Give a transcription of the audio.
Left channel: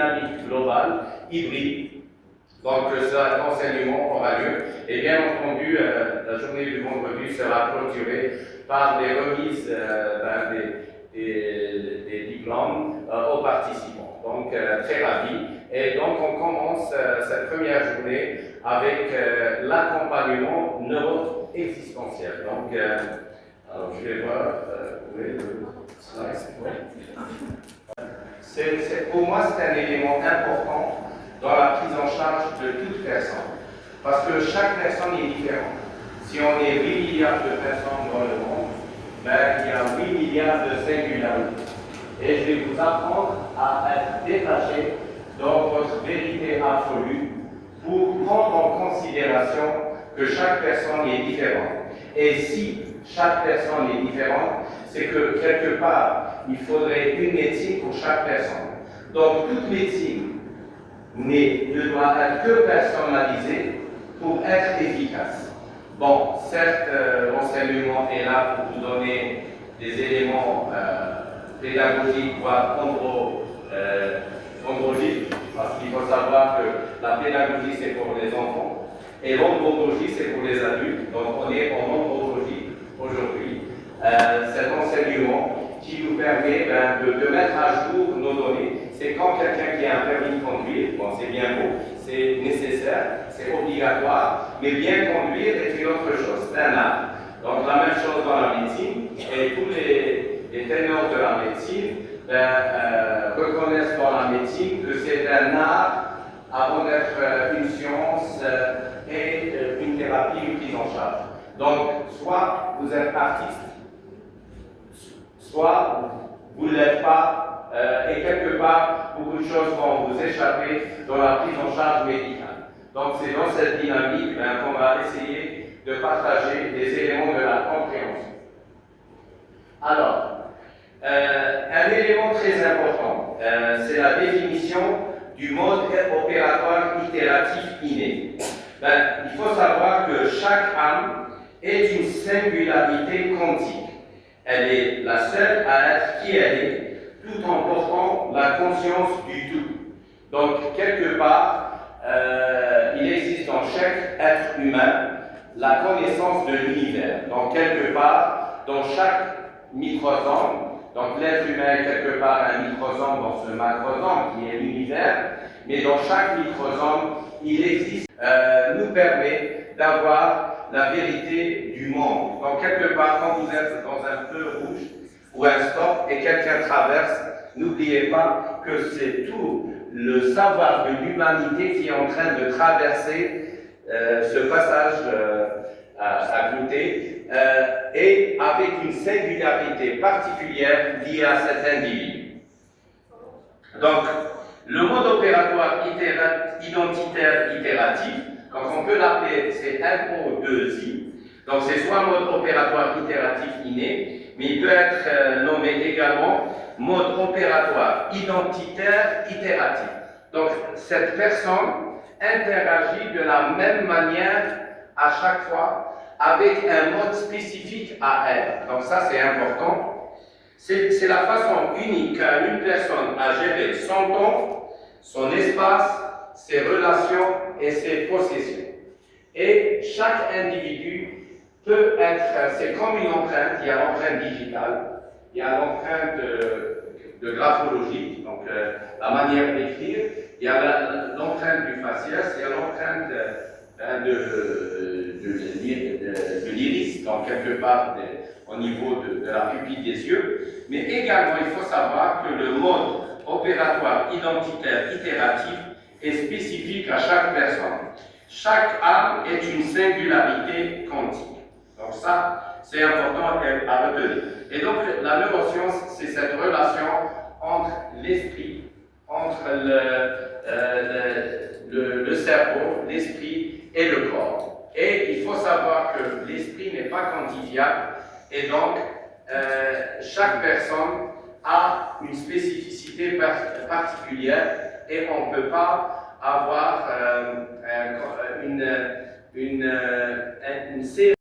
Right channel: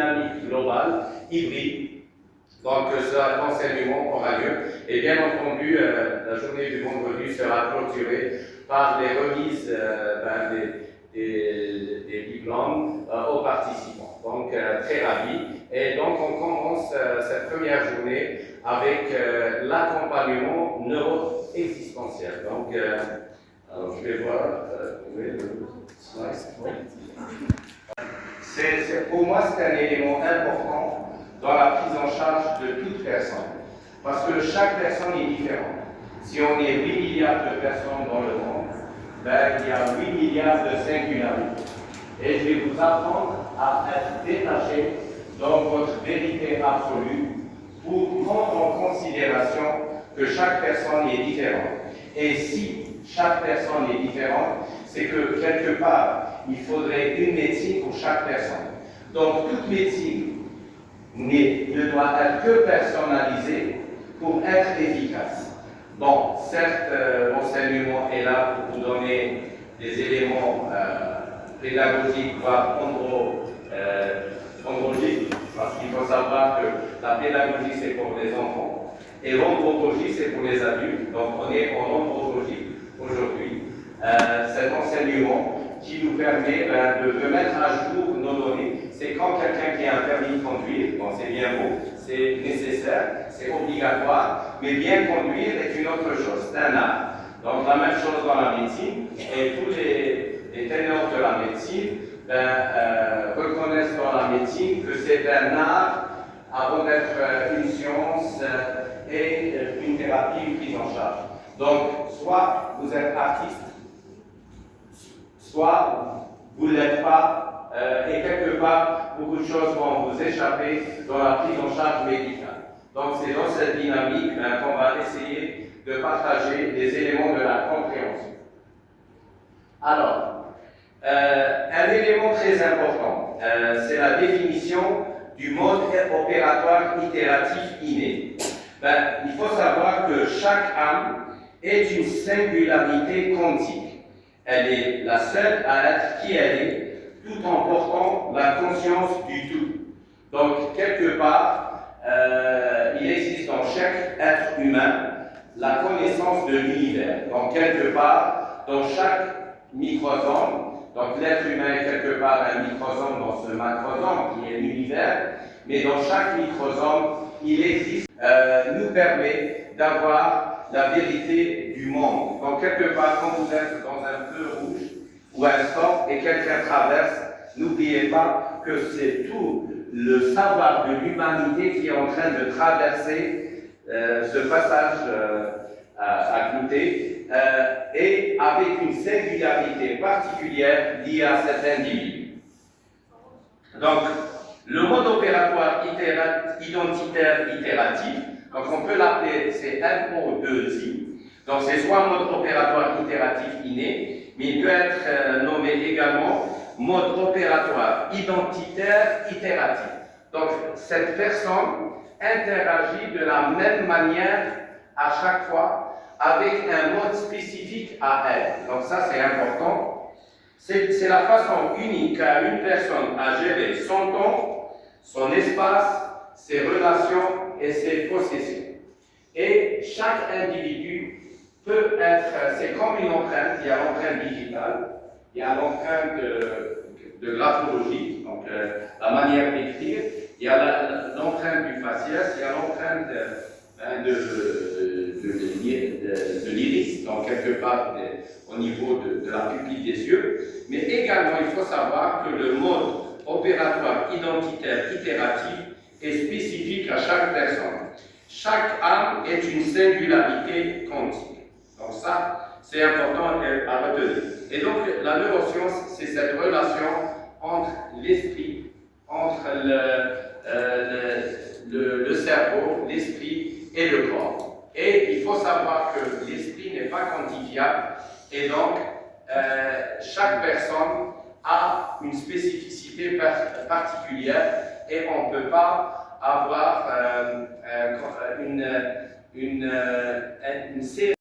dynamique globale, hybride. Donc, cet enseignement aura lieu. Et bien entendu, la journée du vendredi sera clôturée par les remises des diplômes aux participants. Donc, très ravi. Et donc, on commence cette première journée avec l'accompagnement neuro-existentiel. Donc, alors, je vais voir. Pour moi, c'est un élément important dans la prise en charge de toute personne. Parce que chaque personne est différente. Si on est 8 milliards de personnes dans le monde, il y a 8 milliards de singularités. Et je vais vous apprendre à être détaché dans votre vérité absolue pour prendre en considération que chaque personne est différente. Et si chaque personne est différente, c'est que quelque part, il faudrait une médecine pour chaque personne. Donc toute médecine ne doit être que personnalisée pour être efficace. Bon, certes, l'enseignement est là pour vous donner des éléments pédagogiques, voire andrologiques, parce qu'il faut savoir que la pédagogie, c'est pour les enfants, et l'andrologie, c'est pour les adultes. Donc, on est en andrologie aujourd'hui. Cet enseignement qui nous permet de mettre à jour nos données. C'est quand quelqu'un qui a un permis de conduire, bon, c'est bien beau, c'est nécessaire, c'est obligatoire, mais bien conduire est une autre chose, c'est un art. Donc la même chose dans la médecine, et tous les ténors de la médecine reconnaissent dans la médecine que c'est un art avant d'être une science et une thérapie, une prise en charge. Donc, soit vous êtes artiste, soit vous ne l'êtes pas, et quelque part, beaucoup de choses vont vous échapper dans la prise en charge médicale. Donc, c'est dans cette dynamique qu'on va essayer de partager des éléments de la compréhension. Alors, un élément très important, c'est la définition du mode opératoire itératif inné. Il faut savoir que chaque âme est une singularité quantique. Elle est la seule à être qui elle est, tout en portant la conscience du tout. Donc, quelque part, il existe dans chaque être humain la connaissance de l'univers. Donc, quelque part, dans chaque microsome, donc l'être humain est quelque part un microsome dans ce macrosome qui est l'univers, mais dans chaque microsome, il existe, nous permet d'avoir la vérité du monde. Donc, quelque part, quand vous êtes dans un feu rouge ou un stop et quelqu'un traverse, n'oubliez pas que c'est tout le savoir de l'humanité qui est en train de traverser ce passage à côté et avec une singularité particulière liée à cet individu. Donc, le mode opératoire identitaire itératif, donc on peut l'appeler, c'est MO2I, donc c'est soit mode opératoire itératif inné, mais il peut être nommé également mode opératoire identitaire itératif. Donc cette personne interagit de la même manière à chaque fois avec un mode spécifique à elle. Donc ça c'est important. C'est la façon unique qu'a une personne à gérer son temps, son espace, ses relations et ses possessions. Et chaque individu peut être, c'est comme une empreinte, il y a l'empreinte digitale, il y a l'empreinte de graphologie, donc la manière d'écrire, il y a l'empreinte du faciès, il y a l'empreinte de l'iris, donc quelque part au niveau de la pupille des yeux, mais également il faut savoir que le mode opératoire identitaire itératif est spécifique à chaque personne. Chaque âme est une singularité quantique. Donc ça, c'est important à retenir. Et donc la neuroscience, c'est cette relation entre l'esprit, entre le cerveau, l'esprit et le corps. Et il faut savoir que l'esprit n'est pas quantifiable et donc chaque personne a une spécificité particulière et on ne peut pas avoir une série